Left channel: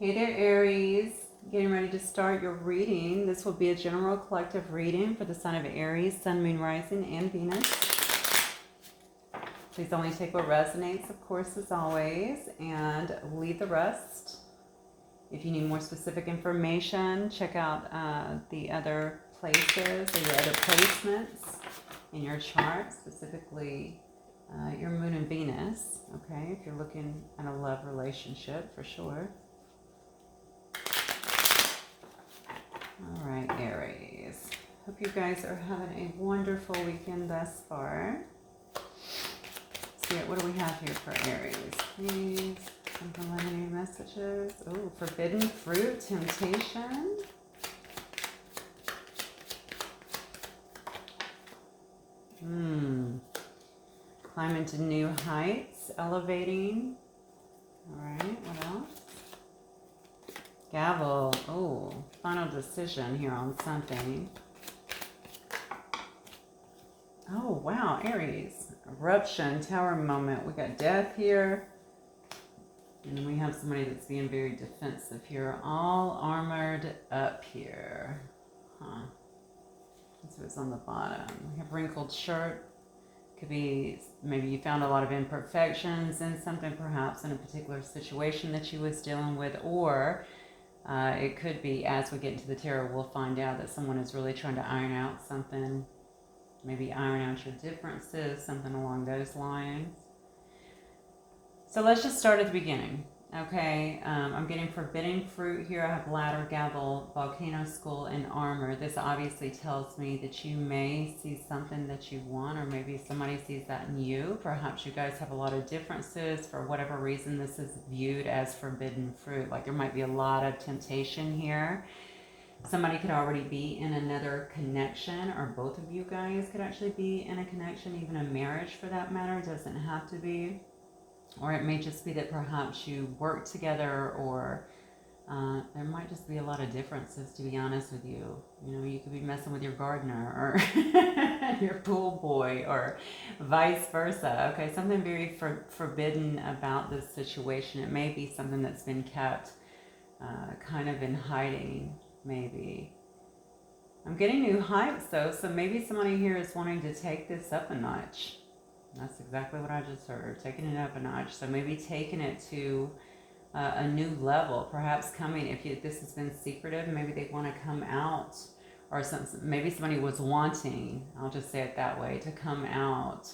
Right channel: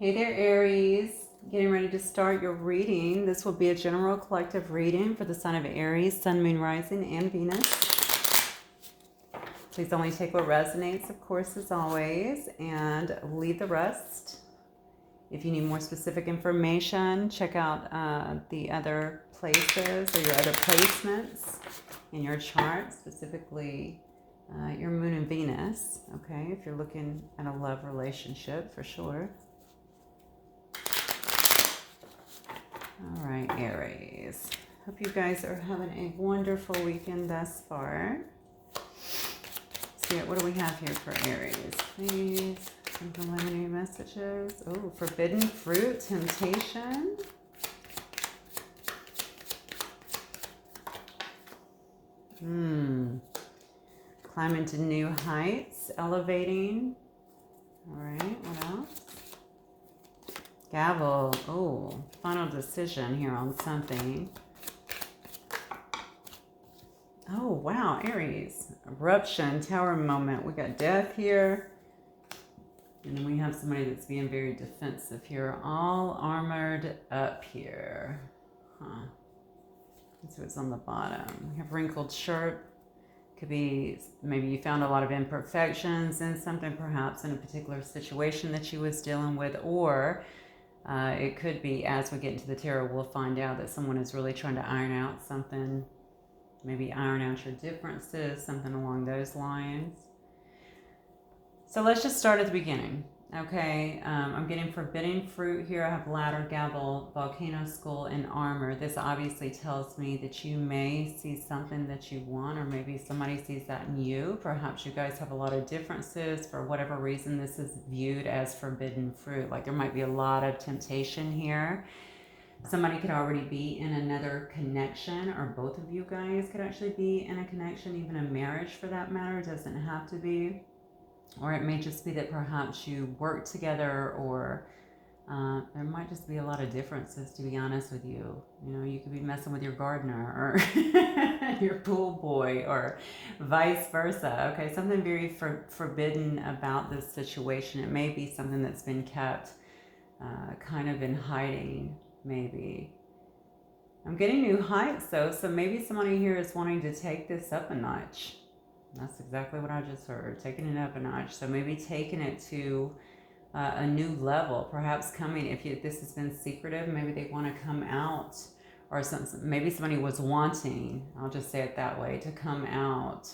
Hey there, Aries. Getting ready to start your reading. This will be a general collective reading for the sign of Aries, Sun, Moon, Rising, and Venus. Please only take what resonates, of course, as always, and leave the rest. If you need more specific information, check out the other places or your other placements in your chart, specifically your Moon and Venus, okay, if you're looking at a love relationship, for sure. All right, Aries. Hope you guys are having a wonderful weekend thus far. So what do we have here for Aries? Please, some preliminary messages. Oh, forbidden fruit, temptation. Climbing to new heights, elevating. All right, what else? Gavel. Oh, final decision here on something. Oh, wow, Aries. Eruption, tower moment. We got death here. And then we have somebody that's being very defensive here. All armored up here. That's what's on the bottom. We have wrinkled shirt. Could be maybe you found a lot of imperfections in something, perhaps in a particular situation that you was dealing with, or it could be, as we get into the tarot, we'll find out that someone is really trying to iron out something, maybe iron out your differences, something along those lines. So let's just start at the beginning, okay? I'm getting forbidden fruit here. I have ladder, gavel, volcano skull, and armor. This obviously tells me that you may see something that you want, or maybe somebody sees that in you. Perhaps you guys have a lot of differences. For whatever reason, this is viewed as forbidden fruit. Like there might be a lot of temptation here. Somebody could already be in another connection, or both of you guys could actually be in a connection, even a marriage for that matter. It doesn't have to be. Or it may just be that perhaps you work together, or there might just be a lot of differences, to be honest with you. You know, you could be messing with your gardener or your pool boy, or vice versa. Okay, something very forbidden about this situation. It may be something that's been kept kind of in hiding, maybe. I'm getting new heights, though, so maybe somebody here is wanting to take this up a notch. That's exactly what I just heard, taking it up a notch. So maybe taking it to a new level, perhaps coming, if this has been secretive, maybe they want to come out, or maybe somebody was wanting, I'll just say it that way, to come out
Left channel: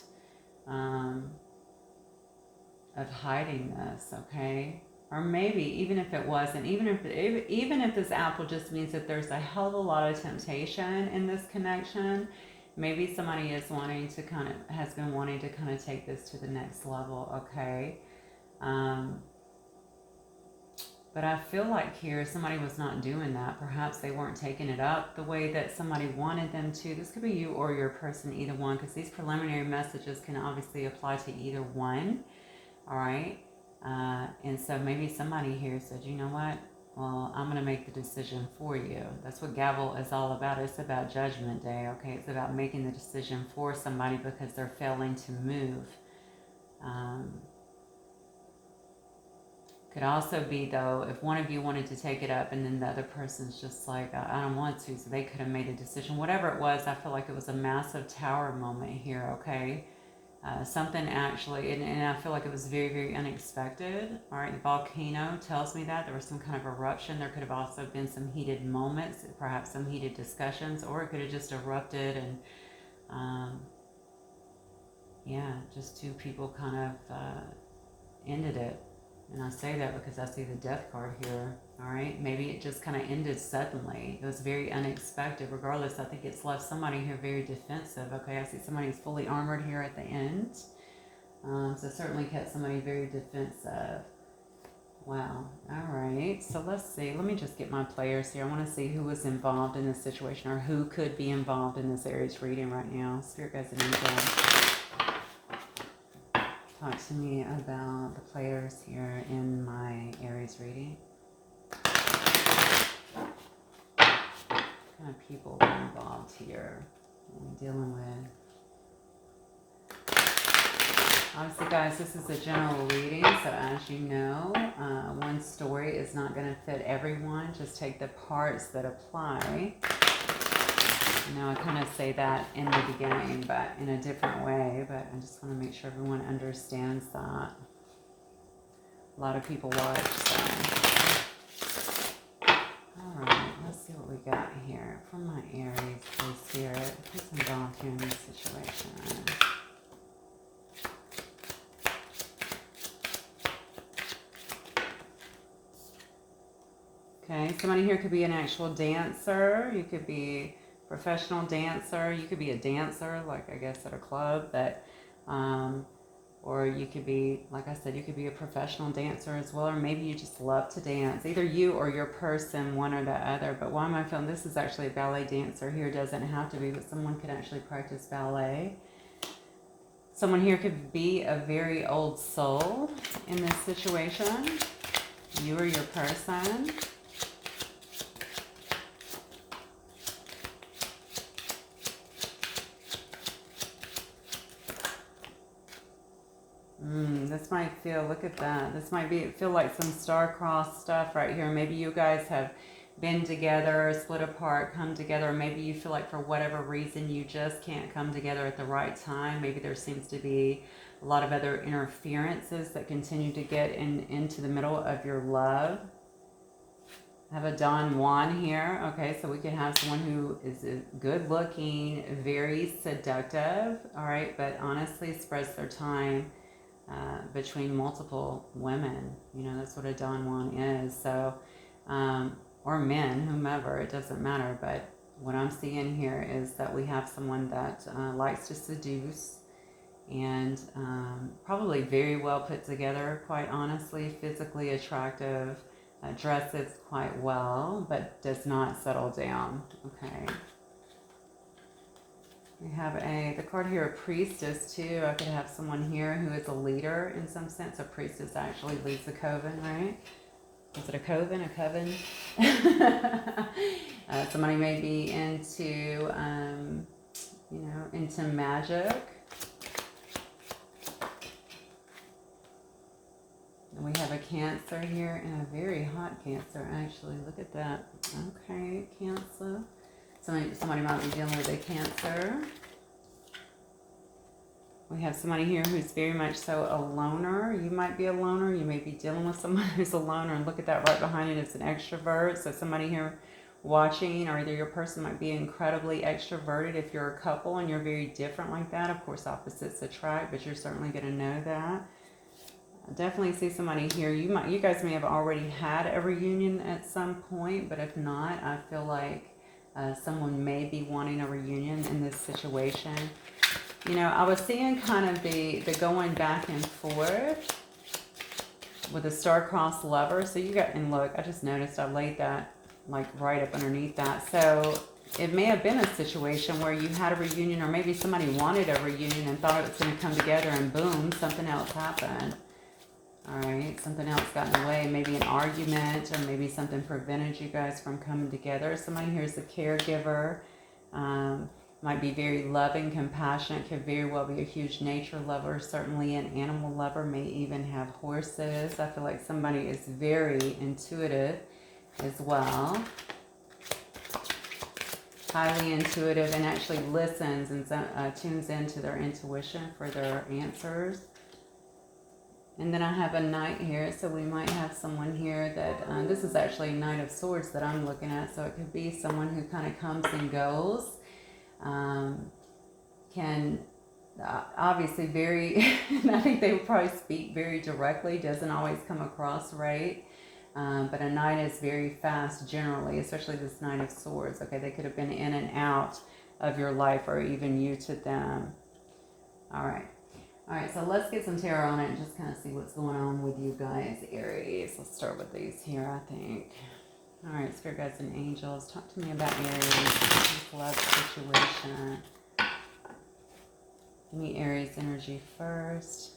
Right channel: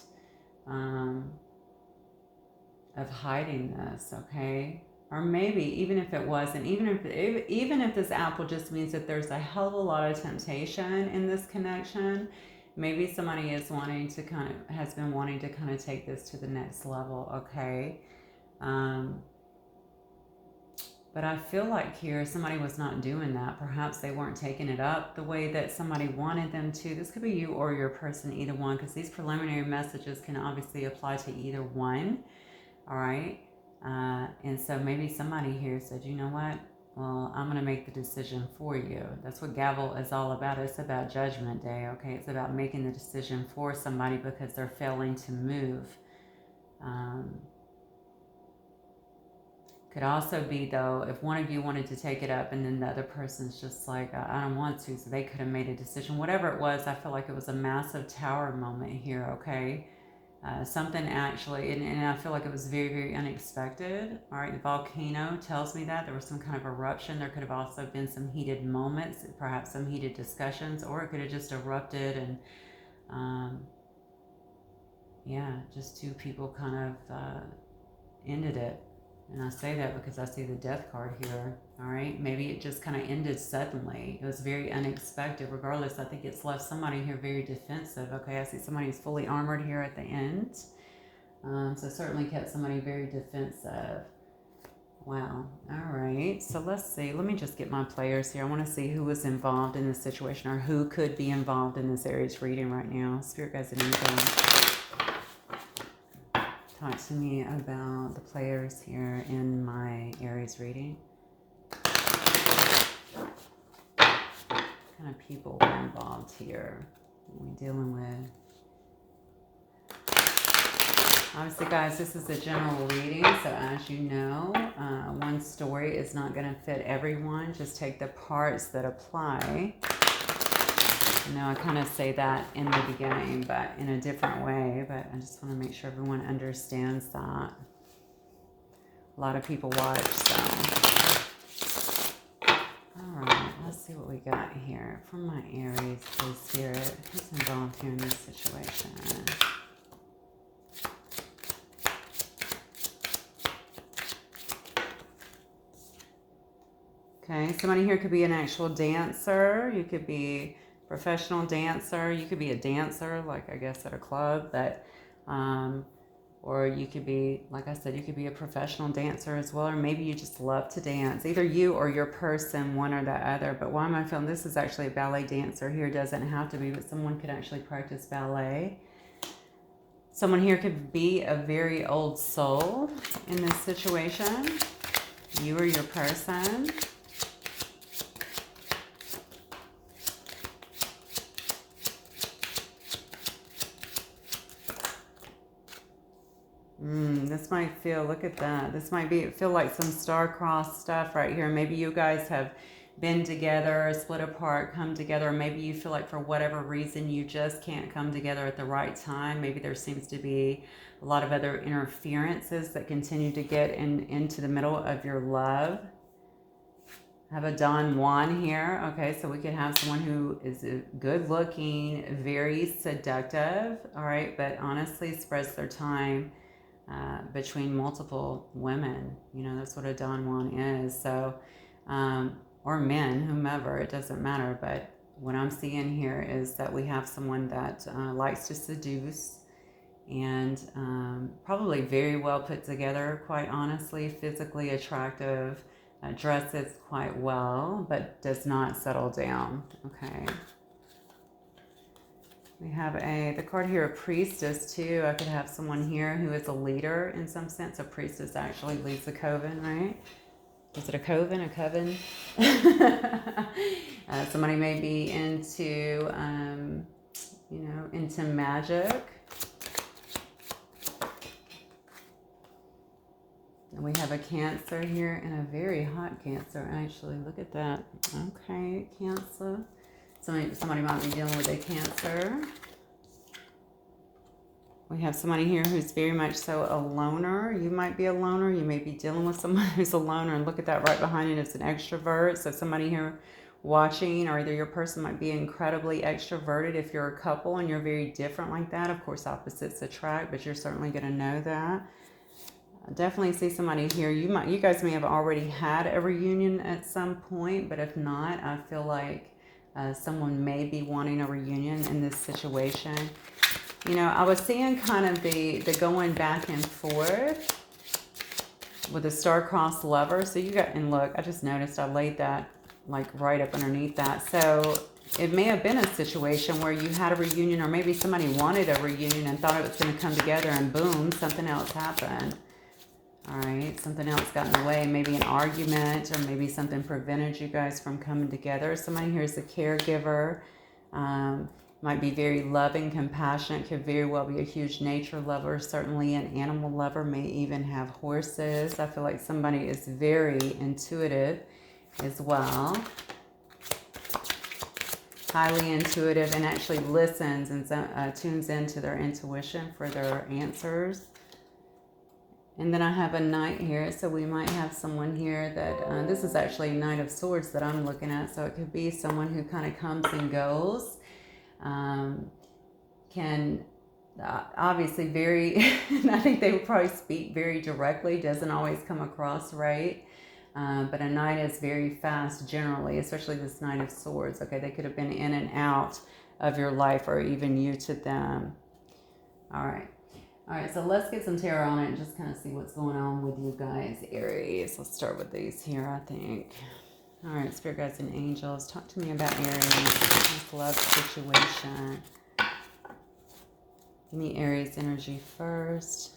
of hiding this, okay? Or maybe even if it wasn't, even if this apple just means that there's a hell of a lot of temptation in this connection, maybe somebody is wanting to has been wanting to take this to the next level, okay? But I feel like here somebody was not doing that. Perhaps they weren't taking it up the way that somebody wanted them to. This could be you or your person, either one, because these preliminary messages can obviously apply to either one, all right? And so maybe somebody here said, you know what? Well, I'm going to make the decision for you. That's what gavel is all about. It's about judgment day, okay? It's about making the decision for somebody because they're failing to move. Could also be, though, if one of you wanted to take it up and then the other person's just like, I don't want to, so they could have made a decision. Whatever it was, I feel like it was a massive tower moment here, okay? Something actually, and I feel like it was very, very unexpected. All right, the volcano tells me that there was some kind of eruption. There could have also been some heated moments, perhaps some heated discussions, or it could have just erupted and, yeah, just two people kind of ended it. And I say that because I see the death card here, all right? Maybe it just kind of ended suddenly. It was very unexpected. Regardless, I think it's left somebody here very defensive, okay? I see somebody who's fully armored here at the end. So certainly kept somebody very defensive. Wow, all right. So let's see. Let me just get my players here. I want to see who is involved in this situation, or who could be involved in this Aries reading right now. Spirit guides and angels, talk to me about the players here in my Aries reading. What kind of people are involved here? What are we dealing with? Obviously, guys, this is a general reading, so as you know, one story story is not going to fit everyone. Just take the parts that apply. I know I kind of say that in the beginning, but in a different way. But I just want to make sure everyone understands that. A lot of people watch, so. Alright, let's see what we got here. From my Aries, please, Spirit. Who's involved here in this situation? Okay, somebody here could be an actual dancer. You could be a professional dancer. You could be a dancer, like I guess at a club, but or you could be, like I said, you could be a professional dancer as well, or maybe you just love to dance. Either you or your person, one or the other. But why am I feeling this is actually a ballet dancer here? Doesn't have to be, but someone could actually practice ballet. Someone here could be a very old soul in this situation. You or your person. This might feel, look at that. This might feel like some star-crossed stuff right here. Maybe you guys have been together, split apart, come together. Maybe you feel like for whatever reason you just can't come together at the right time. Maybe there seems to be a lot of other interferences that continue to get into the middle of your love. I have a Don Juan here. Okay, so we can have someone who is good looking, very seductive, all right, but honestly spreads their time between multiple women. You know, that's what a Don Juan is. So, or men, whomever, it doesn't matter. But what I'm seeing here is that we have someone that likes to seduce and probably very well put together, quite honestly, physically attractive, dresses quite well, but does not settle down. Okay. We have the card here, a priestess too. I could have someone here who is a leader in some sense. A priestess actually leads a coven, right? Is it a coven? A coven? Somebody may be into, you know, into magic. And we have a Cancer here, and a very hot Cancer, actually. Look at that. Okay, Cancer. Somebody might be dealing with a Cancer. We have somebody here who's very much so a loner. You might be a loner. You may be dealing with someone who's a loner. And look at that right behind it. It's an extrovert. So somebody here watching, or either your person might be incredibly extroverted if you're a couple and you're very different like that. Of course, opposites attract, but you're certainly going to know that. I definitely see somebody here. You guys may have already had a reunion at some point, but if not, I feel like someone may be wanting a reunion in this situation. You know, I was seeing kind of the going back and forth with a star-crossed lover. So you got, and look, I just noticed I laid that like right up underneath that. So it may have been a situation where you had a reunion, or maybe somebody wanted a reunion and thought it was going to come together, and boom, something else happened. All right, something else got in the way, maybe an argument, or maybe something prevented you guys from coming together. Somebody here is a caregiver, might be very loving, compassionate, could very well be a huge nature lover, certainly an animal lover, may even have horses. I feel like somebody is very intuitive as well. Highly intuitive, and actually listens and tunes into their intuition for their answers. And then I have a Knight here, so we might have someone here that, this is actually Knight of Swords that I'm looking at, so it could be someone who kind of comes and goes, can, obviously very, I think they would probably speak very directly, doesn't always come across right, but a Knight is very fast generally, especially this Knight of Swords. Okay, they could have been in and out of your life, or even you to them. All right. All right, so let's get some tarot on it and just kind of see what's going on with you guys, Aries. Let's start with these here, I think. All right, Spirit Guides and Angels, talk to me about Aries, this love situation. Give me Aries energy first.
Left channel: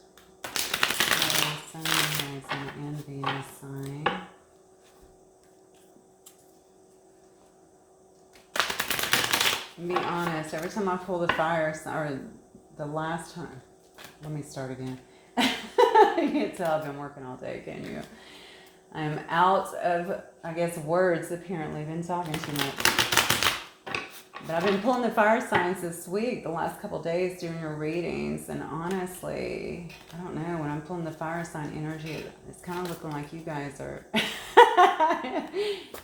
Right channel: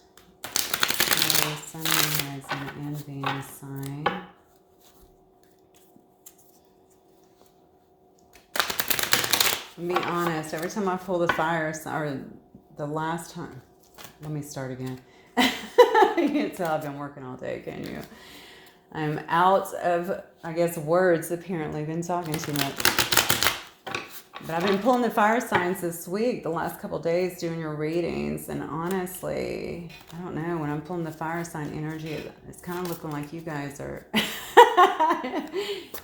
Aries, Sun, Rising, and Venus sign. To be honest, every time I pull the fire, or the last time, let me start again. You can't tell I've been working all day, can you? I'm out of, I guess, words apparently. Been talking too much. But I've been pulling the fire signs this week, the last couple days, doing your readings. And honestly, I don't know, when I'm pulling the fire sign energy, it's kind of looking like you guys are...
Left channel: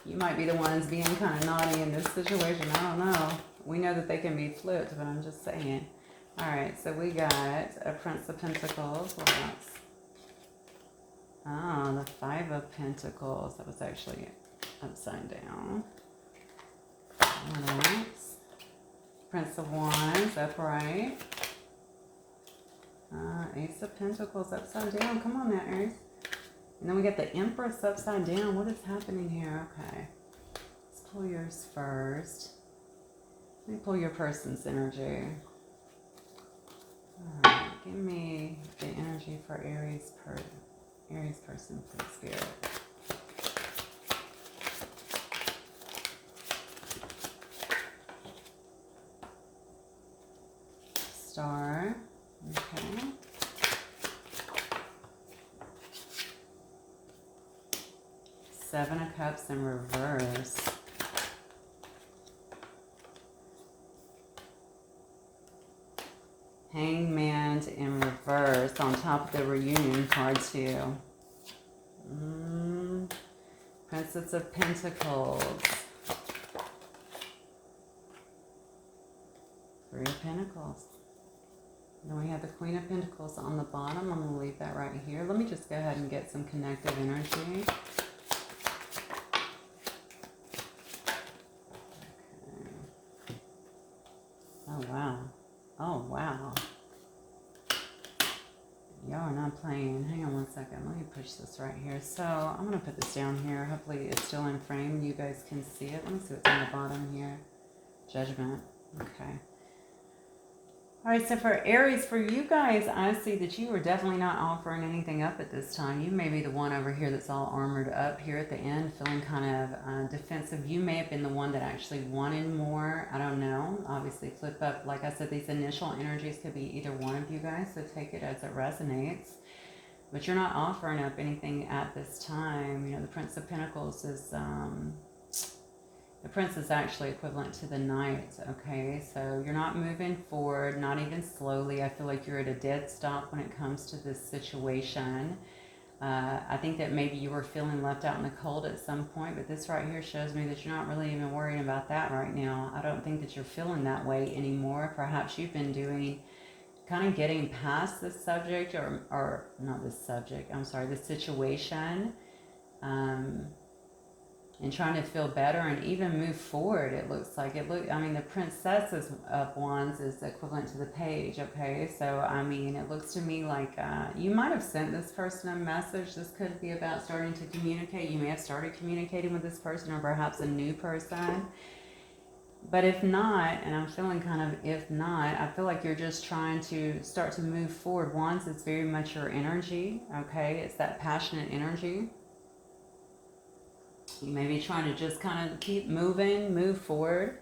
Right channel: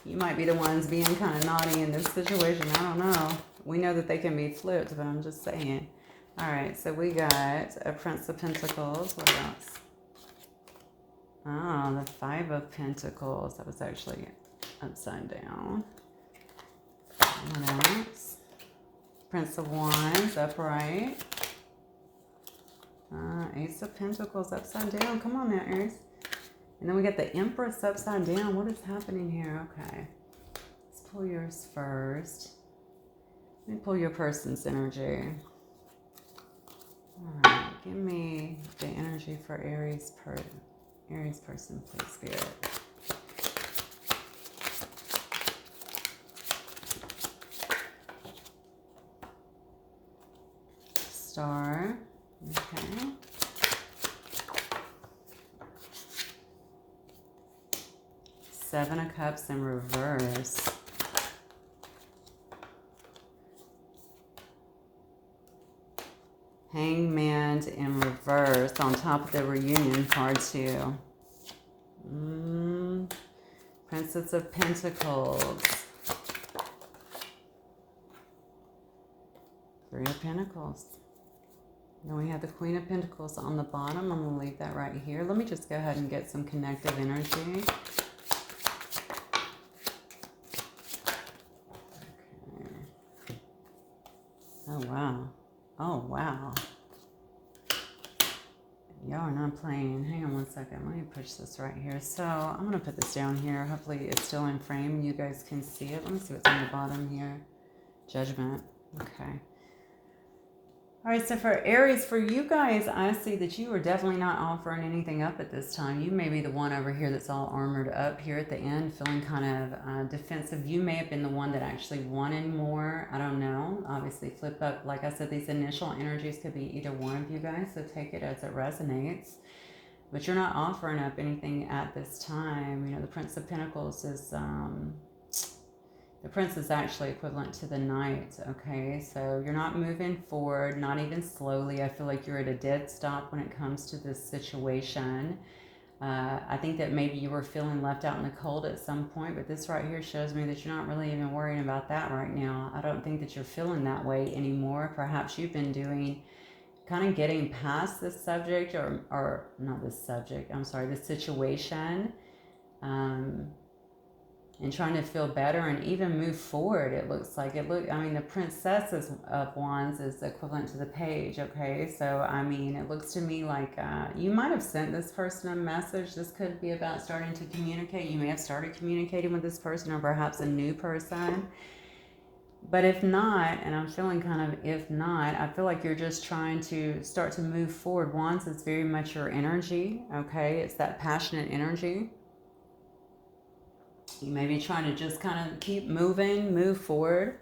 you might be the ones being kind of naughty in this situation. I don't know. We know that they can be flipped, but I'm just saying. All right, so we got a Prince of Pentacles. What else? Oh, the Five of Pentacles. That was actually upside down. All right. Prince of Wands, upright. Ace of Pentacles, upside down. Come on now, Aries. And then we got the Empress upside down. What is happening here? Okay. Let's pull yours first. Let me pull your person's energy. All right. Give me the energy for Aries person, please, Spirit. Star. Okay. Seven of Cups in reverse. Hangman in reverse on top of the reunion card too. Princess of Pentacles. Three of Pentacles. Then we have the Queen of Pentacles on the bottom. I'm going to leave that right here. Let me just go ahead and get some connective energy. Okay. Oh, wow. Oh, wow. Y'all are not playing. Hang on one second. Let me push this right here. So I'm going to put this down here. Hopefully it's still in frame. You guys can see it. Let me see what's on the bottom here. Judgment. Okay. All right, so for Aries, for you guys, I see that you are definitely not offering anything up at this time. You may be the one over here that's all armored up here at the end, feeling kind of defensive. You may have been the one that actually wanted more. I don't know. Obviously, flip up. Like I said, these initial energies could be either one of you guys, so take it as it resonates. But you're not offering up anything at this time. You know, the Prince of Pentacles is... the Prince is actually equivalent to the Knight, okay? So you're not moving forward, not even slowly. I feel like you're at a dead stop when it comes to this situation. I think that maybe you were feeling left out in the cold at some point, but this right here shows me that you're not really even worrying about that right now. I don't think that you're feeling that way anymore. Perhaps you've been doing, kind of getting past this subject, or not this subject, I'm sorry, this situation. And trying to feel better and even move forward. It looks like I mean, the Princess of Wands is equivalent to the Page, okay? So, I mean, it looks to me like you might have sent this person a message. This could be about starting to communicate. You may have started communicating with this person, or perhaps a new person. But if not, and I'm feeling kind of if not, I feel like you're just trying to start to move forward. Wands is very much your energy, okay? It's that passionate energy. You may be trying to just kind of keep moving, move forward,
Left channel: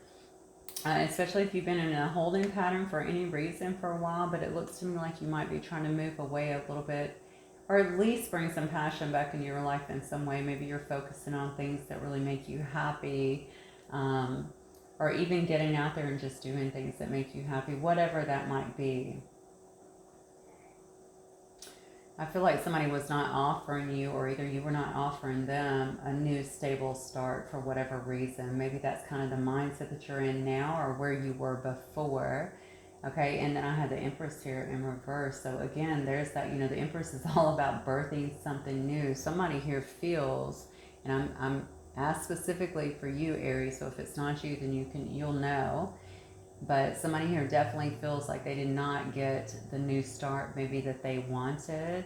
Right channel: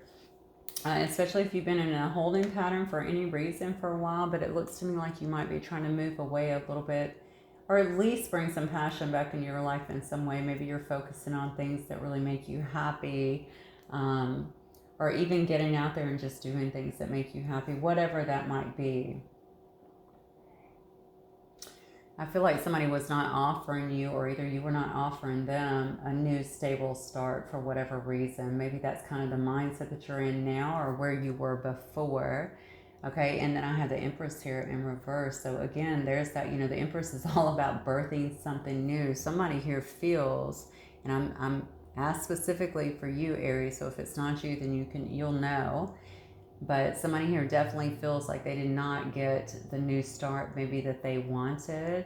especially if you've been in a holding pattern for any reason for a while, but it looks to me like you might be trying to move away a little bit, or at least bring some passion back into your life in some way. Maybe you're focusing on things that really make you happy, or even getting out there and just doing things that make you happy, whatever that might be. I feel like somebody was not offering you, or either you were not offering them, a new stable start for whatever reason. Maybe that's kind of the mindset that you're in now, or where you were before. Okay, and then I have the Empress here in reverse. So again, there's that, you know, the Empress is all about birthing something new. Somebody here feels, and I'm asked specifically for you, Aries, so if it's not you, then you'll know. But somebody here definitely feels like they did not get the new start maybe that they wanted,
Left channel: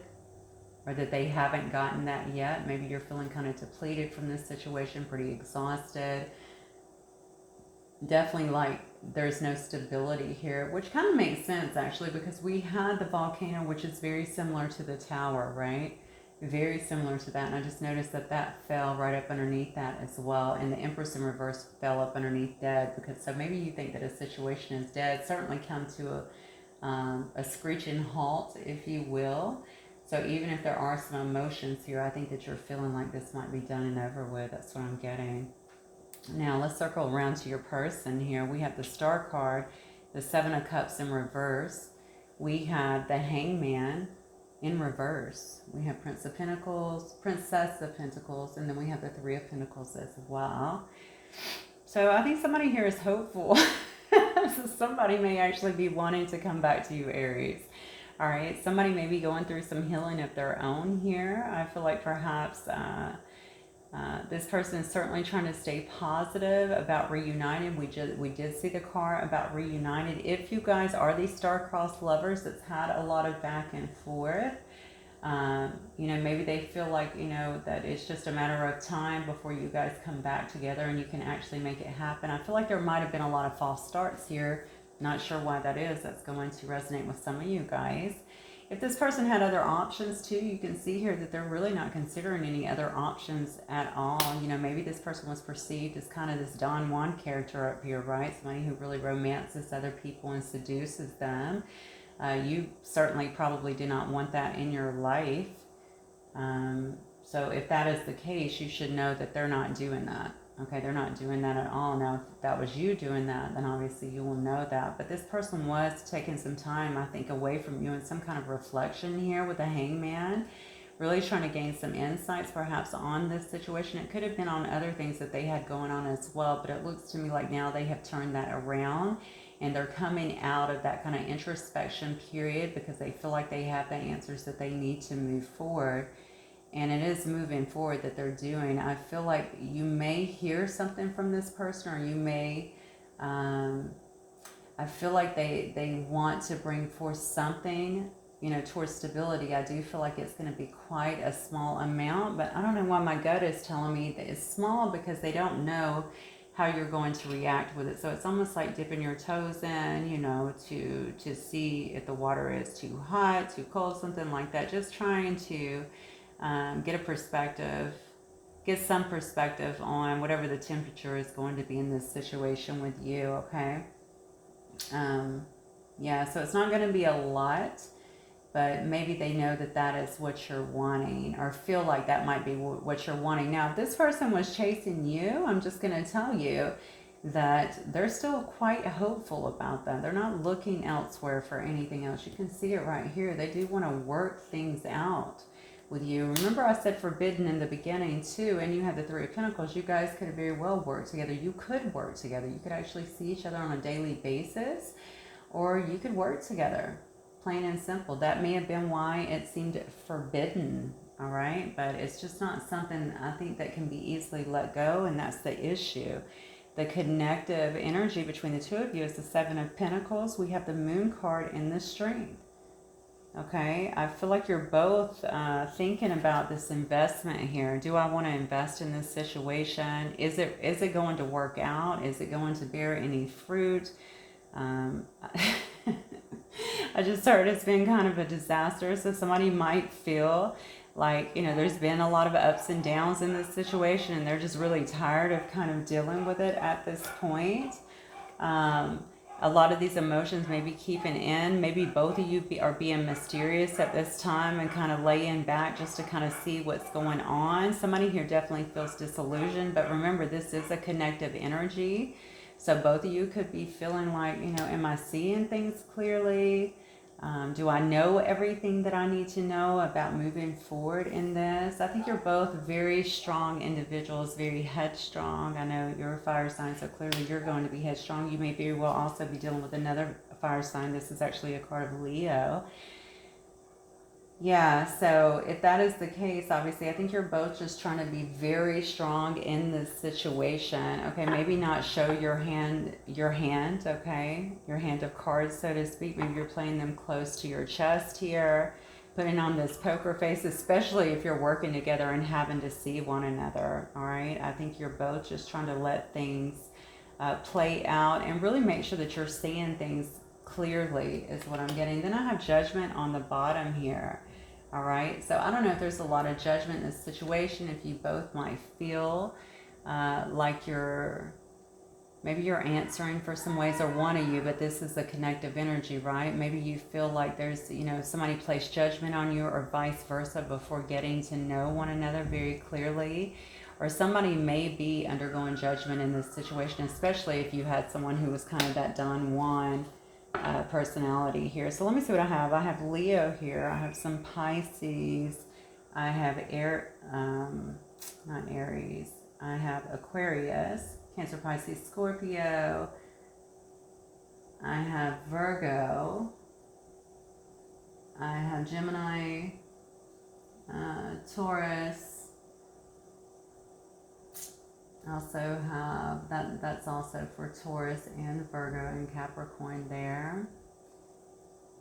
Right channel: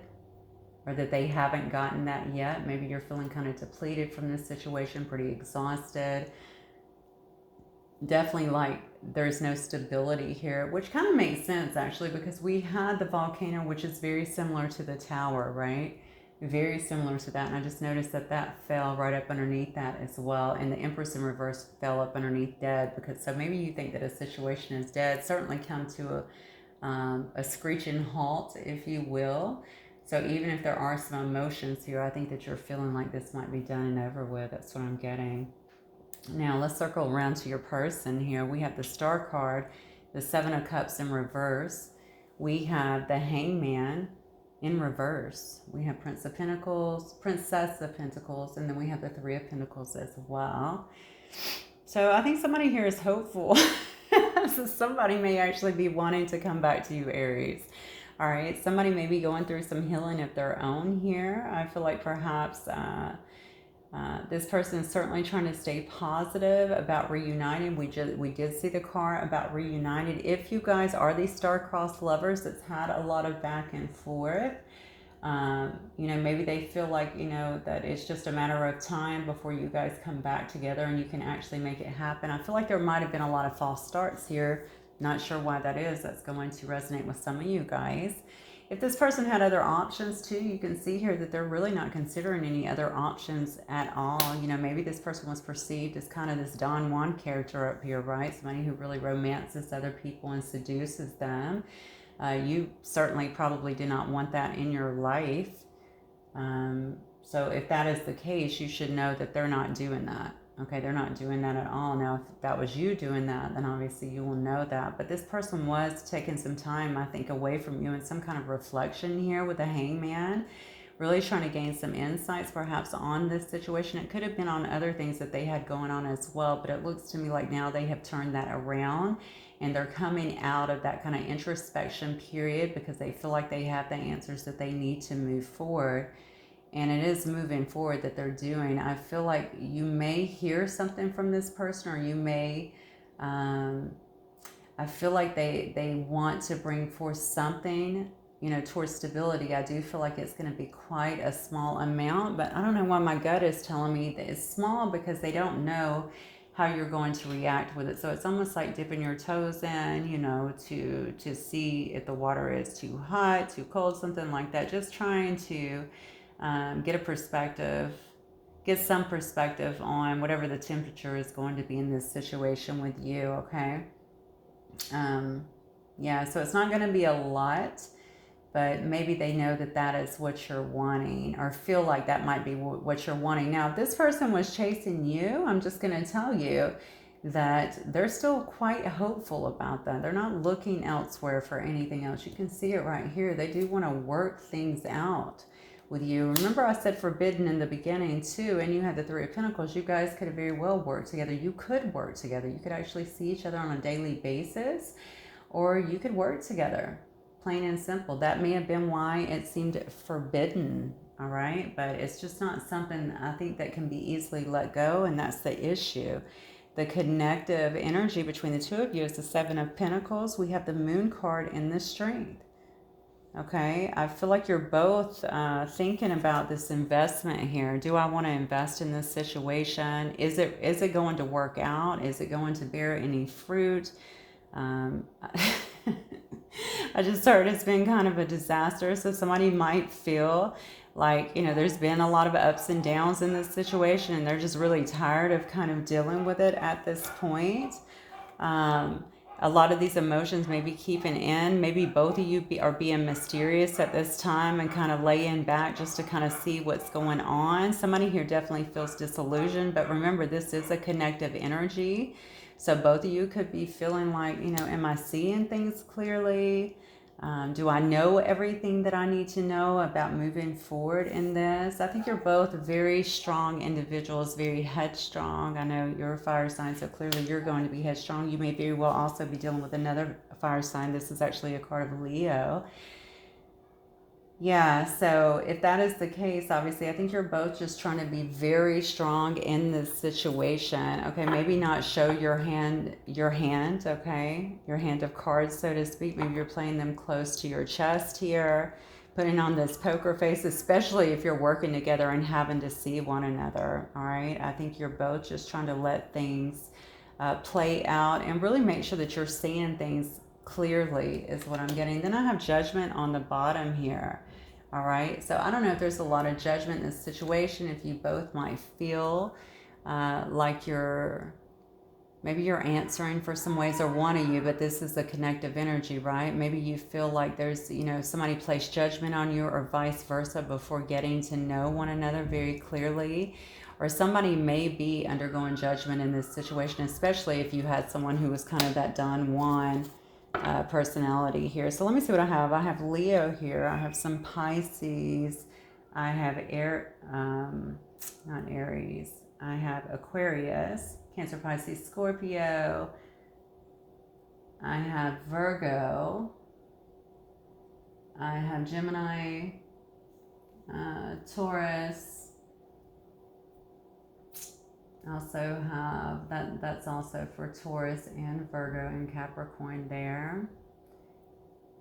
or that they haven't gotten that yet. Maybe you're feeling kind of depleted from this situation, pretty exhausted. Definitely like there's no stability here, which kind of makes sense actually, because we had the volcano, which is very similar to the Tower, right? Very similar to that, and I just noticed that that fell right up underneath that as well, and the Empress in reverse fell up underneath dead, because so maybe you think that a situation is dead, certainly come to a screeching halt, if you will. So even if there are some emotions here, I think that you're feeling like this might be done and over with. That's what I'm getting. Now let's circle around to your person here. We have the Star card, the Seven of Cups in reverse. We have the Hangman in reverse. We have Princess of Pentacles, and then we have the Three of Pentacles as well. So I think somebody here is hopeful. So somebody may actually be wanting to come back to you, Aries. All right, somebody may be going through some healing of their own here. I feel like perhaps this person is certainly trying to stay positive about reuniting. We did see the card about reunited. If you guys are these star-crossed lovers that's had a lot of back and forth, you know, maybe they feel like, you know, that it's just a matter of time before you guys come back together and you can actually make it happen. I feel like there might have been a lot of false starts here. Not sure why that is. That's going to resonate with some of you guys. If this person had other options too, you can see here that they're really not considering any other options at all. You know, maybe this person was perceived as kind of this Don Juan character up here, right? Somebody who really romances other people and seduces them. You certainly probably do not want that in your life. So if that is the case, you should know that they're not doing that. Okay, they're not doing that at all. Now, if that was you doing that, then obviously you will know that. But this person was taking some time, I think, away from you in some kind of reflection here with the Hangman. Really trying to gain some insights perhaps on this situation. It could have been on other things that they had going on as well. But it looks to me like now they have turned that around. And they're coming out of that kind of introspection period because they feel like they have the answers that they need to move forward. And it is moving forward that they're doing. I feel like you may hear something from this person, or you may, I feel like they want to bring forth something, you know, towards stability. I do feel like it's going to be quite a small amount, but I don't know why my gut is telling me that it's small because they don't know how you're going to react with it. So it's almost like dipping your toes in, you know, to see if the water is too hot, too cold, something like that. Just trying to get a perspective, get some perspective on whatever the temperature is going to be in this situation with you, okay? Yeah, so it's not going to be a lot, but maybe they know that that is what you're wanting, or feel like that might be what you're wanting. Now, if this person was chasing you, I'm just going to tell you that they're still quite hopeful about that. They're not looking elsewhere for anything else. You can see it right here. They do want to work things out with you. Remember I said forbidden in the beginning too, and you had the Three of Pentacles. You guys could have very well worked together. You could work together. You could actually see each other on a daily basis, or you could work together, plain and simple. That may have been why it seemed forbidden, all right? But it's just not something I think that can be easily let go, and that's the issue. The connective energy between the two of you is the Seven of Pentacles. We have the Moon card in the Strength. Okay, I feel like you're both thinking about this investment here. Do I want to invest in this situation? Is it going to work out? Is it going to bear any fruit? I just heard it's been kind of a disaster. So somebody might feel like, you know, there's been a lot of ups and downs in this situation, and they're just really tired of kind of dealing with it at this point. A lot of these emotions may be keeping in. Maybe both of you are being mysterious at this time and kind of laying back just to kind of see what's going on. Somebody here definitely feels disillusioned, but remember, this is a connective energy. So both of you could be feeling like, you know, am I seeing things clearly? Do I know everything that I need to know about moving forward in this? I think you're both very strong individuals, very headstrong. I know you're a fire sign, so clearly you're going to be headstrong. You may very well also be dealing with another fire sign. This is actually a card of Leo. Yeah, so if that is the case, obviously, I think you're both just trying to be very strong in this situation. Okay, maybe not show your hand, okay? Your hand of cards, so to speak. Maybe you're playing them close to your chest here, putting on this poker face, especially if you're working together and having to see one another, all right? I think you're both just trying to let things play out and really make sure that you're seeing things clearly is what I'm getting. Then I have Judgment on the bottom here. All right, so I don't know if there's a lot of judgment in this situation, if you both might feel like you're Maybe you're answering for some ways, or one of you, but this is a connective energy, right? Maybe you feel like there's, somebody placed judgment on you, or vice versa, before getting to know one another very clearly. Or somebody may be undergoing judgment in this situation, especially if you had someone who was kind of that Don Juan personality here. So let me see what I have. I have Leo here. I have some Pisces. I have not Aries. I have Aquarius, Cancer, Pisces, Scorpio. I have Virgo. I have Gemini, Taurus. I also have, that's also for Taurus and Virgo and Capricorn there.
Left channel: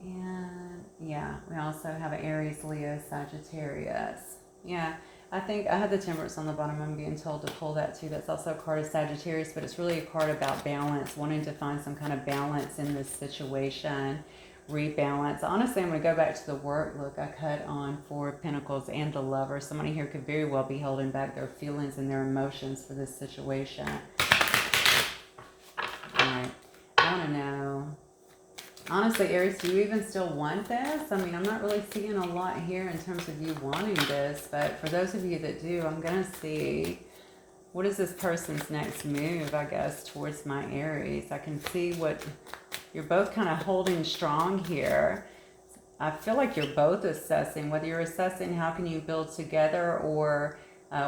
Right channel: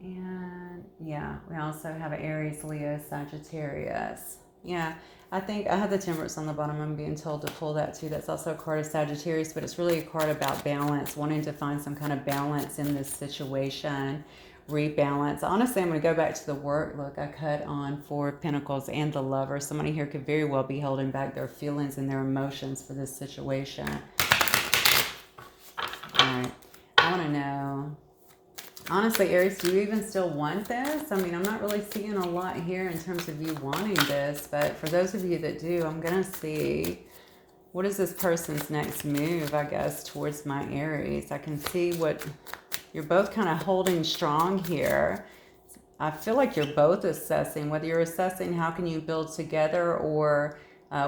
And yeah, we also have Aries, Leo, Sagittarius. Yeah, I think I have the Temperance on the bottom. I'm being told to pull that too. That's also a card of Sagittarius, but it's really a card about balance, wanting to find some kind of balance in this situation, rebalance. Honestly, I'm going to go back to the work. Look, I cut on 4 of Pentacles and the Lover. Somebody here could very well be holding back their feelings and their emotions for this situation. All right, I want to know, honestly, Aries, do you even still want this? I mean, I'm not really seeing a lot here in terms of you wanting this, but for those of you that do, I'm going to see, what is this person's next move, I guess, towards my Aries? I can see what you're both kind of holding strong here. I feel like you're both assessing, whether you're assessing how can you build together, or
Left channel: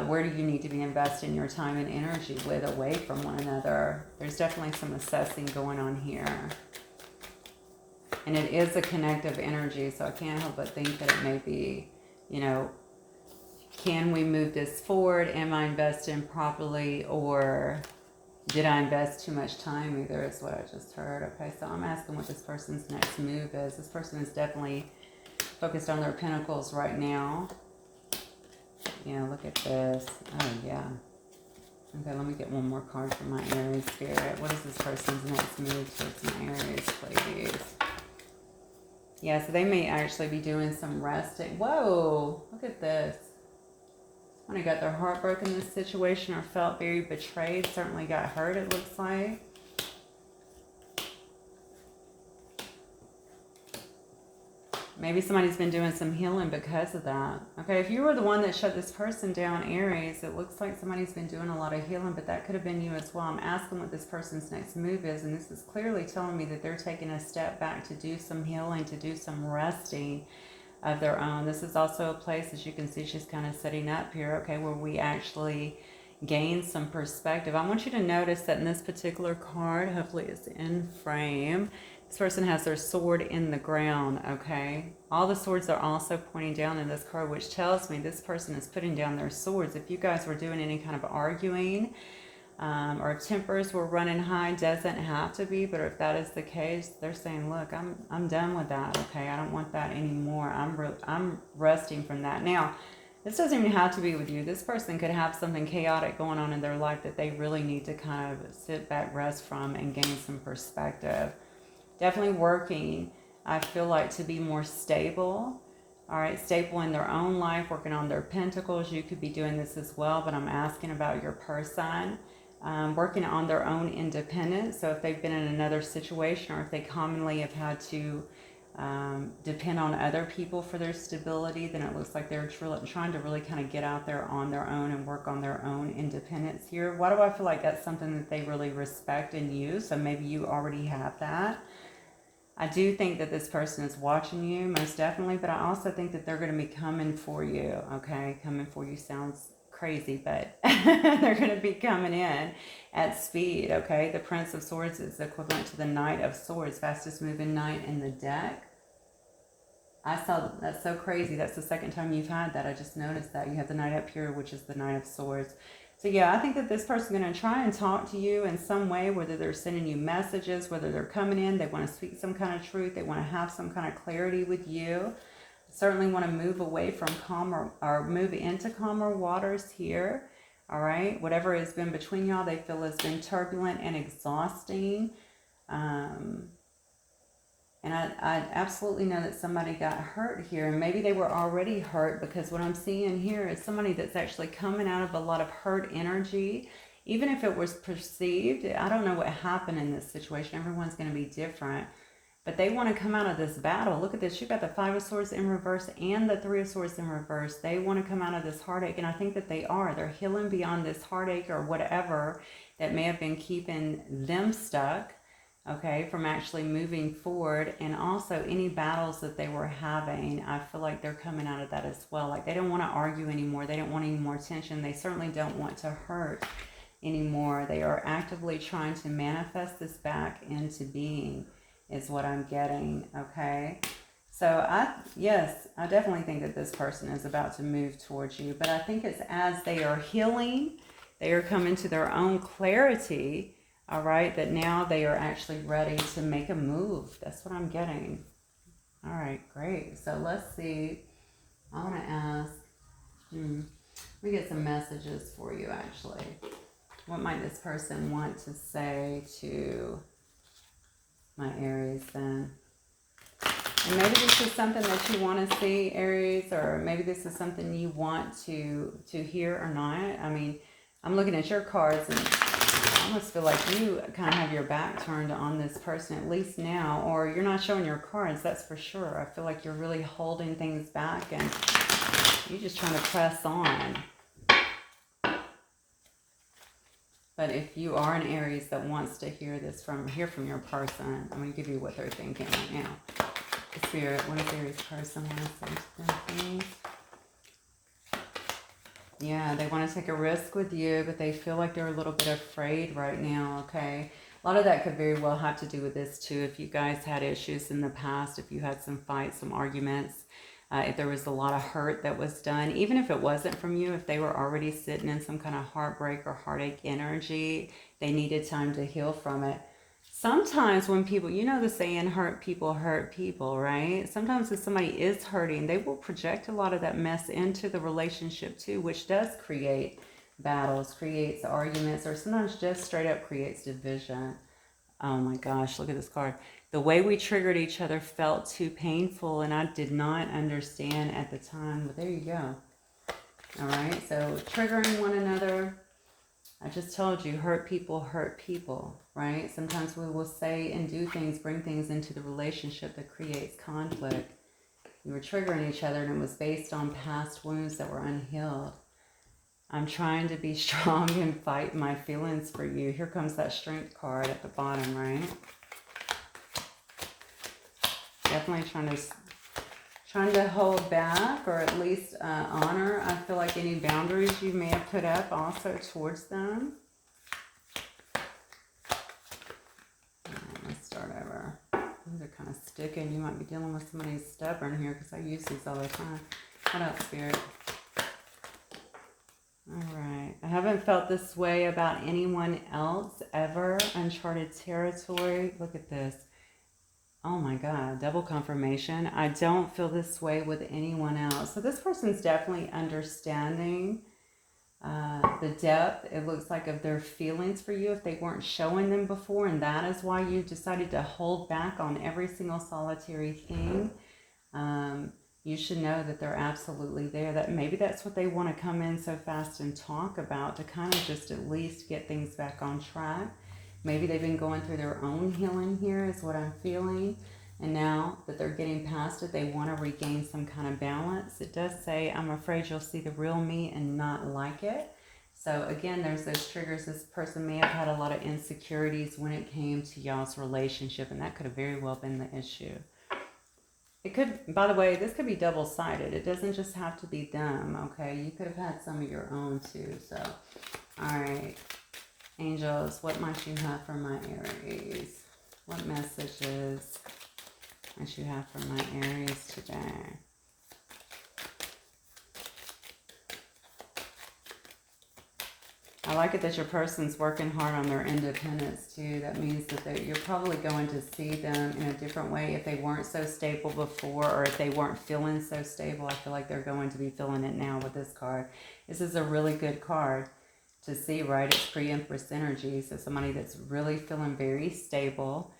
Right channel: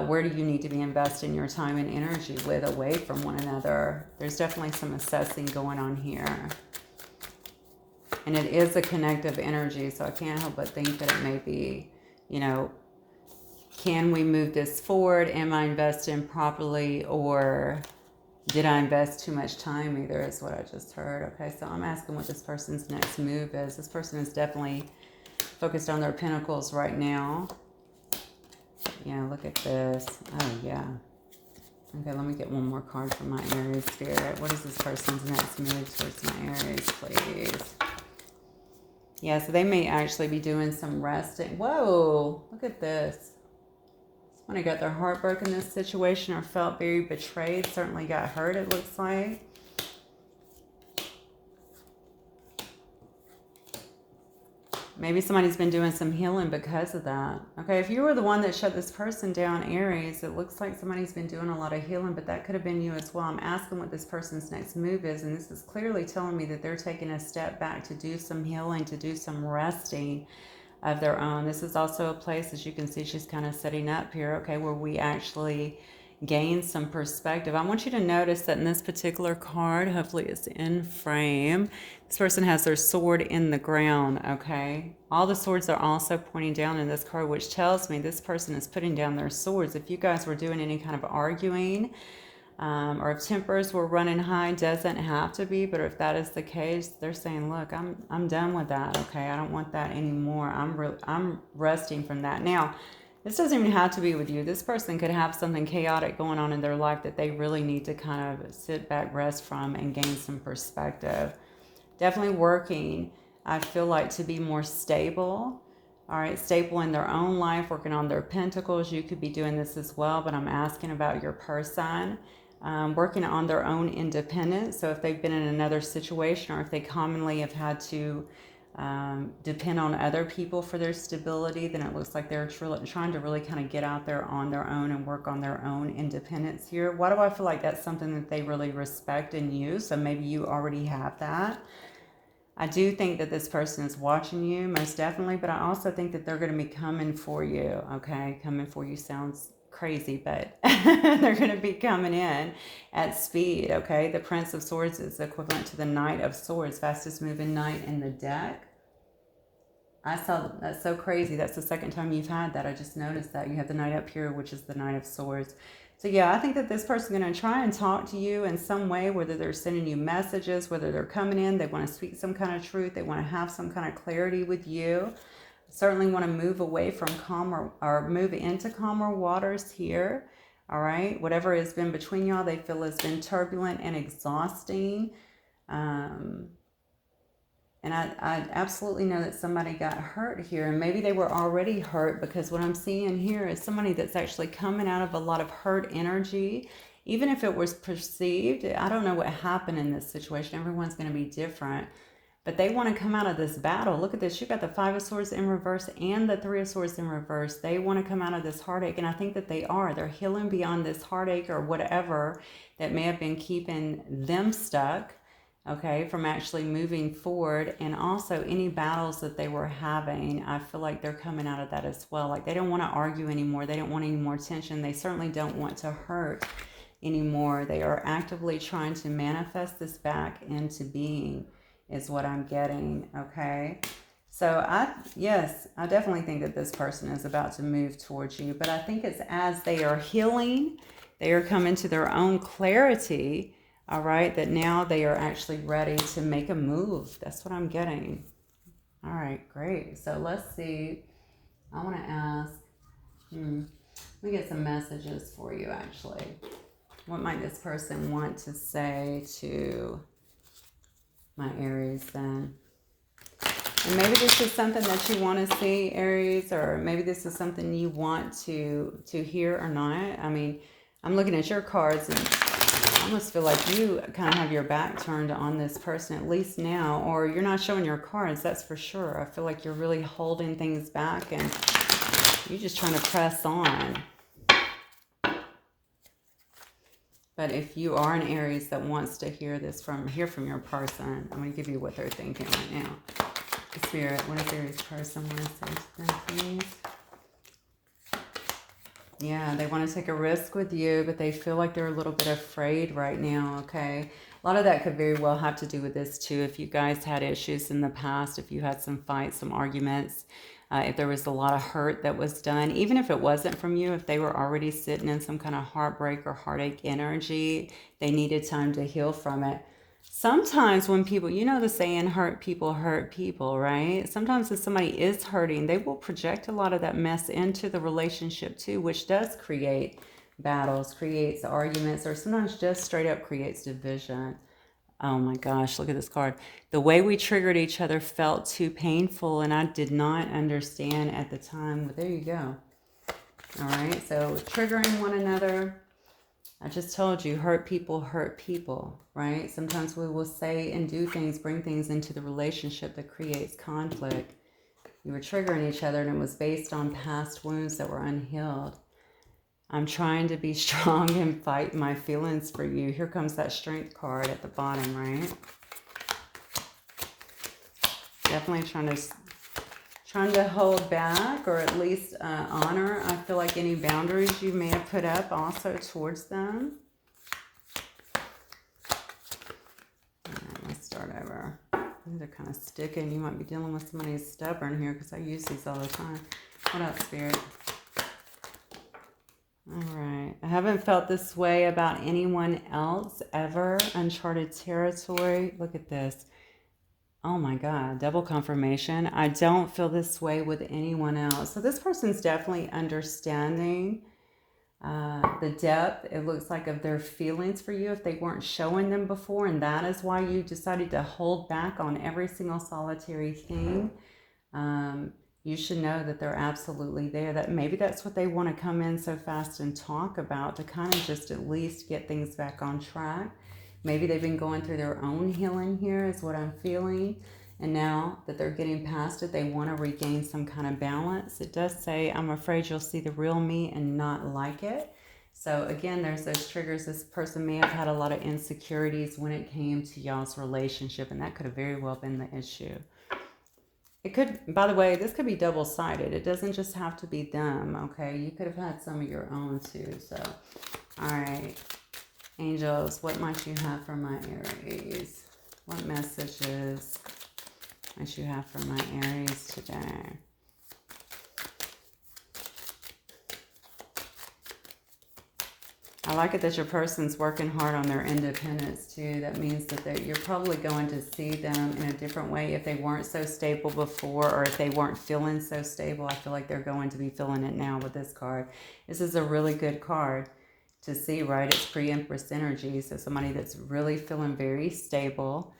where do you need to be investing your time and energy with, away from one another. There's definitely some assessing going on here. And it is a connective energy, so I can't help but think that it may be, can we move this forward? Am I investing properly, or did I invest too much time? Either is what I just heard. Okay, so I'm asking what this person's next move is. This person is definitely focused on their Pentacles right now. Yeah, look at this. Oh, yeah. Okay, let me get one more card from my Aries spirit. What is this person's next move towards my Aries, please? Yeah, so they may actually be doing some resting. Whoa, look at this. Somebody got their heart broken in this situation, or felt very betrayed. Certainly got hurt, it looks like. Maybe somebody's been doing some healing because of that. Okay, if you were the one that shut this person down, Aries, it looks like somebody's been doing a lot of healing, but that could have been you as well. I'm asking what this person's next move is, and this is clearly telling me that they're taking a step back to do some healing, to do some resting of their own. This is also a place, as you can see, she's kind of setting up here, okay, where we actually gain some perspective. I want you to notice that in this particular card, hopefully it's in frame, this person has their sword in the ground, okay? All the swords are also pointing down in this card, which tells me this person is putting down their swords. If you guys were doing any kind of arguing, or if tempers were running high, doesn't have to be, but if that is the case, they're saying, look, I'm done with that, okay? I don't want that anymore. I'm resting from that. Now, this doesn't even have to be with you. This person could have something chaotic going on in their life that they really need to kind of sit back, rest from, and gain some perspective. Definitely working, I feel like, to be more stable. All right, stable in their own life, working on their Pentacles. You could be doing this as well, but I'm asking about your person. Working on their own independence. So if they've been in another situation, or if they commonly have had to depend on other people for their stability, then it looks like they're trying to really kind of get out there on their own and work on their own independence here. Why do I feel like that's something that they really respect and use? So maybe you already have that. I do think that this person is watching you, most definitely, but I also think that they're going to be coming for you, okay? Coming for you sounds crazy, but they're going to be coming in at speed, okay? The Prince of Swords is equivalent to the Knight of Swords, fastest moving knight in the deck. I saw, that's so crazy. That's the second time you've had that. I just noticed that. You have the Knight up here, which is the Knight of Swords. So yeah, I think that this person's going to try and talk to you in some way, whether they're sending you messages, whether they're coming in, they want to speak some kind of truth, they want to have some kind of clarity with you. Certainly want to move away from calmer, or move into calmer waters here. All right, whatever has been between y'all, they feel has been turbulent and exhausting. And I absolutely know that somebody got hurt here, and maybe they were already hurt, because what I'm seeing here is somebody that's actually coming out of a lot of hurt energy even if it was perceived, I don't know what happened in this situation. Everyone's going to be different. But they want to come out of this battle. Look at this. You've got the Five of Swords in reverse and the Three of Swords in reverse. They want to come out of this heartache. And I think that they are. They're healing beyond this heartache or whatever that may have been keeping them stuck, okay, from actually moving forward. And also any battles that they were having, I feel like they're coming out of that as well. Like they don't want to argue anymore. They don't want any more tension. They certainly don't want to hurt anymore. They are actively trying to manifest this back into being, is what I'm getting, okay? So I definitely think that this person is about to move towards you, but I think it's as they are healing, they are coming to their own clarity, all right, that now they are actually ready to make a move. That's what I'm getting. All right, great. So let's see. I want to ask, we get some messages for you, actually. What might this person want to say to my Aries then? And maybe this is something that you want to see, Aries, or maybe this is something you want to hear or not. I mean, I'm looking at your cards and I almost feel like you kind of have your back turned on this person, at least now, or you're not showing your cards, that's for sure. I feel like you're really holding things back and you're just trying to press on. But if you are an Aries that wants to hear from your person, I'm going to give you what they're thinking right now. Spirit, what is Aries person want to say to them, please? Yeah, they want to take a risk with you, but they feel like they're a little bit afraid right now, okay? A lot of that could very well have to do with this too. If you guys had issues in the past, if you had some fights, some arguments, if there was a lot of hurt that was done, even if it wasn't from you, if they were already sitting in some kind of heartbreak or heartache energy, they needed time to heal from it. Sometimes when people, you know the saying, hurt people, right? Sometimes if somebody is hurting, they will project a lot of that mess into the relationship too, which does create battles, creates arguments, or sometimes just straight up creates division. Oh my gosh, look at this card. The way we triggered each other felt too painful and I did not understand at the time. But there you go. All right, so triggering one another. I just told you, hurt people, right? Sometimes we will say and do things, bring things into the relationship that creates conflict. We were triggering each other and it was based on past wounds that were unhealed. I'm trying to be strong and fight my feelings for you. Here comes that strength card at the bottom, right? Definitely trying to hold back or at least honor, I feel like, any boundaries you may have put up also towards them. Let's start over. These are kind of sticking. You might be dealing with somebody who's stubborn here because I use these all the time. What up, Spirit? All right. I haven't felt this way about anyone else ever. Uncharted territory. Look at this. Oh my God. Double confirmation. I don't feel this way with anyone else. So this person's definitely understanding the depth, it looks like, of their feelings for you if they weren't showing them before. And that is why you decided to hold back on every single solitary thing. You should know that they're absolutely there, that maybe that's what they want to come in so fast and talk about, to kind of just at least get things back on track. Maybe they've been going through their own healing here is what I'm feeling. And now that they're getting past it, they want to regain some kind of balance. It does say, I'm afraid you'll see the real me and not like it. So again, there's those triggers. This person may have had a lot of insecurities when it came to y'all's relationship, and that could have very well been the issue. It could, by the way, this could be double-sided. It doesn't just have to be them, okay? You could have had some of your own too. So, all right. Angels, what might you have for my Aries? What messages might you have for my Aries today? I like it that your person's working hard on their independence too. That means that you're probably going to see them in a different way. If they weren't so stable before, or if they weren't feeling so stable, I feel like they're going to be feeling it now with this card. This is a really good card to see, right? It's pre-Empress energy. So somebody that's really feeling very stable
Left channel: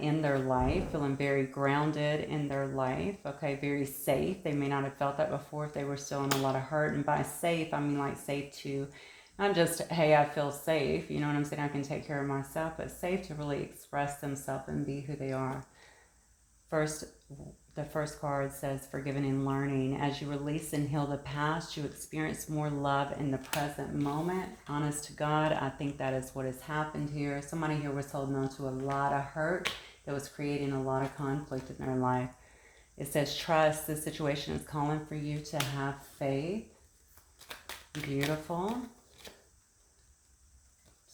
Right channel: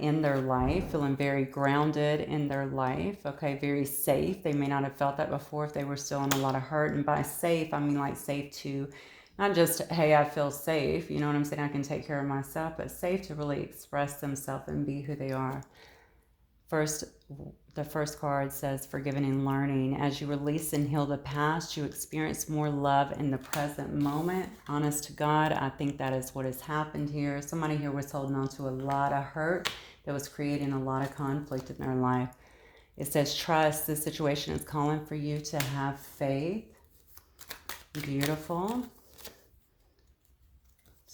in their life, feeling very grounded in their life, okay, very safe. They may not have felt that before if they were still in a lot of hurt. And by safe, I mean like safe to Not just, hey, I feel safe, you know what I'm saying, I can take care of myself, but safe to really express themselves and be who they are. The first card says forgiving and learning. As you release and heal the past, you experience more love in the present moment. Honest to God, I think that is what has happened here. Somebody here was holding on to a lot of hurt that was creating a lot of conflict in their life. It says trust. This situation is calling for you to have faith. Beautiful.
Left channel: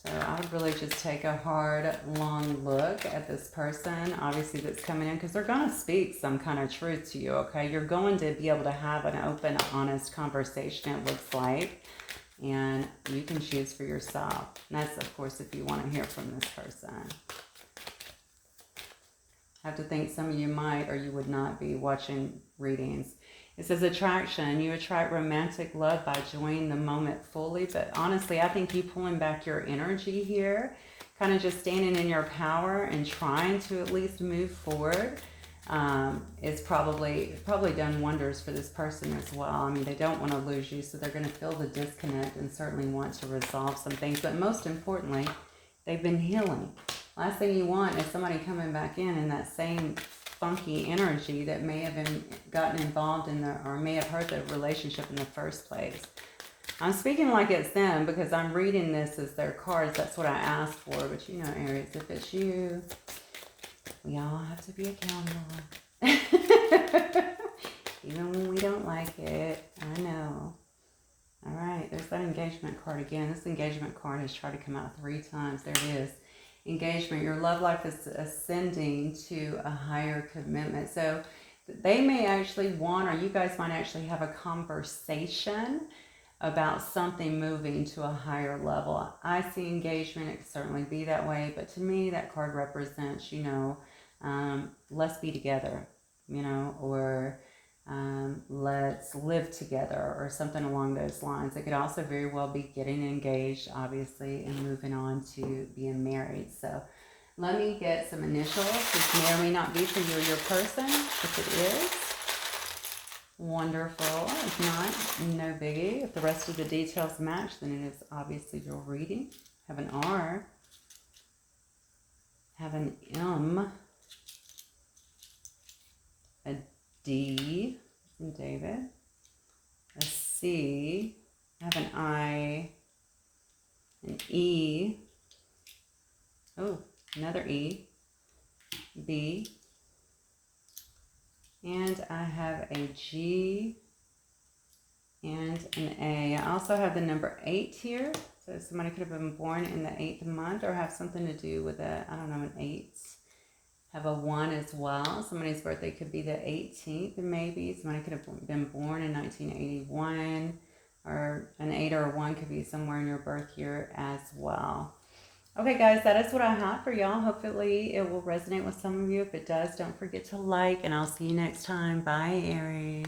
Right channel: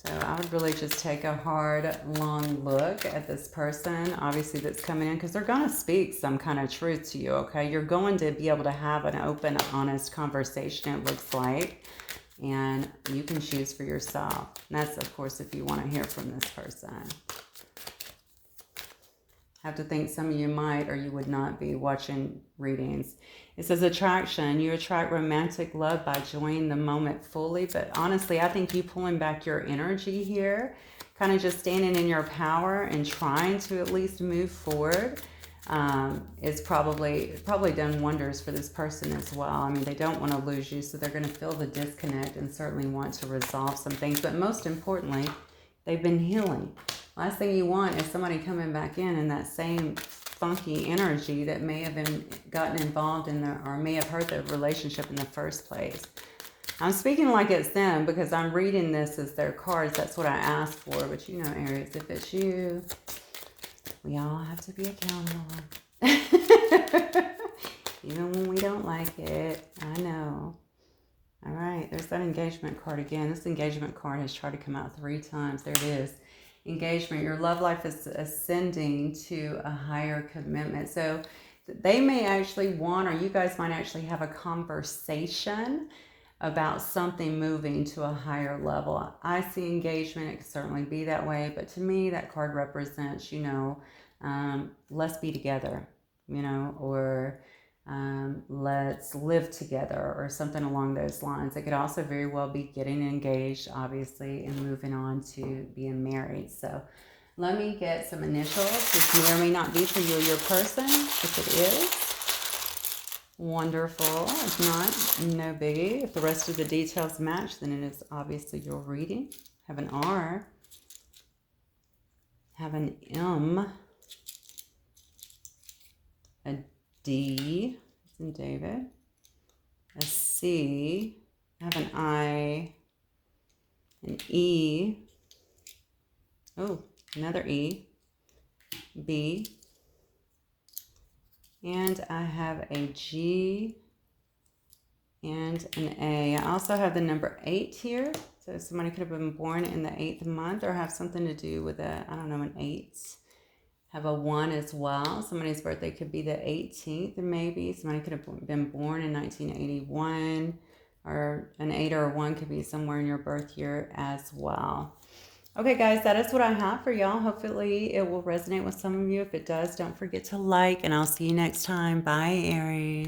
So I would really just take a hard, long look at this person, obviously, that's coming in, because they're going to speak some kind of truth to you, okay? You're going to be able to have an open, honest conversation, it looks like, and you can choose for yourself. And that's, of course, if you want to hear from this person. I have to think some of you might or you would not be watching readings. It says attraction. You attract romantic love by enjoying the moment fully. But honestly, I think you pulling back your energy here, kind of just standing in your power and trying to at least move forward, is probably done wonders for this person as well. I mean, they don't want to lose you, so they're going to feel the disconnect and certainly want to resolve some things. But most importantly, they've been healing. Last thing you want is somebody coming back in that same funky energy that may have been gotten involved in or may have hurt the relationship in the first place. I'm speaking like it's them because I'm reading this as their cards. That's what I asked for. But you know, Aries, if it's you, we all have to be accountable. Even when we don't like it. I know. All right, there's that engagement card again. This engagement card has tried to come out 3 times. There it is. Engagement. Your love life is ascending to a higher commitment. So they may actually want, or you guys might actually have a conversation about something moving to a higher level. I see engagement. It could certainly be that way. But to me, that card represents, you know, let's be together, you know, or let's live together or something along those lines. It could also very well be getting engaged, obviously, and moving on to being married. So let me get some initials. This may or may not be for you or your person. If it is, wonderful. If not, no biggie. If the rest of the details match, then it is obviously your reading. Have an R. Have an M. A D, and David, a C, I have an I, an E, oh, another E, B, and I have a G and an A. I also have the number 8 here, so somebody could have been born in the 8th month or have something to do with a, I don't know, an 8. Have a 1 as well. Somebody's birthday could be the 18th, or maybe somebody could have been born in 1981, or an 8 or a 1 could be somewhere in your birth year as well. Okay, guys, that is what I have for y'all. Hopefully it will resonate with some of you. If it does, don't forget to like, and I'll see you next time. Bye, Aries.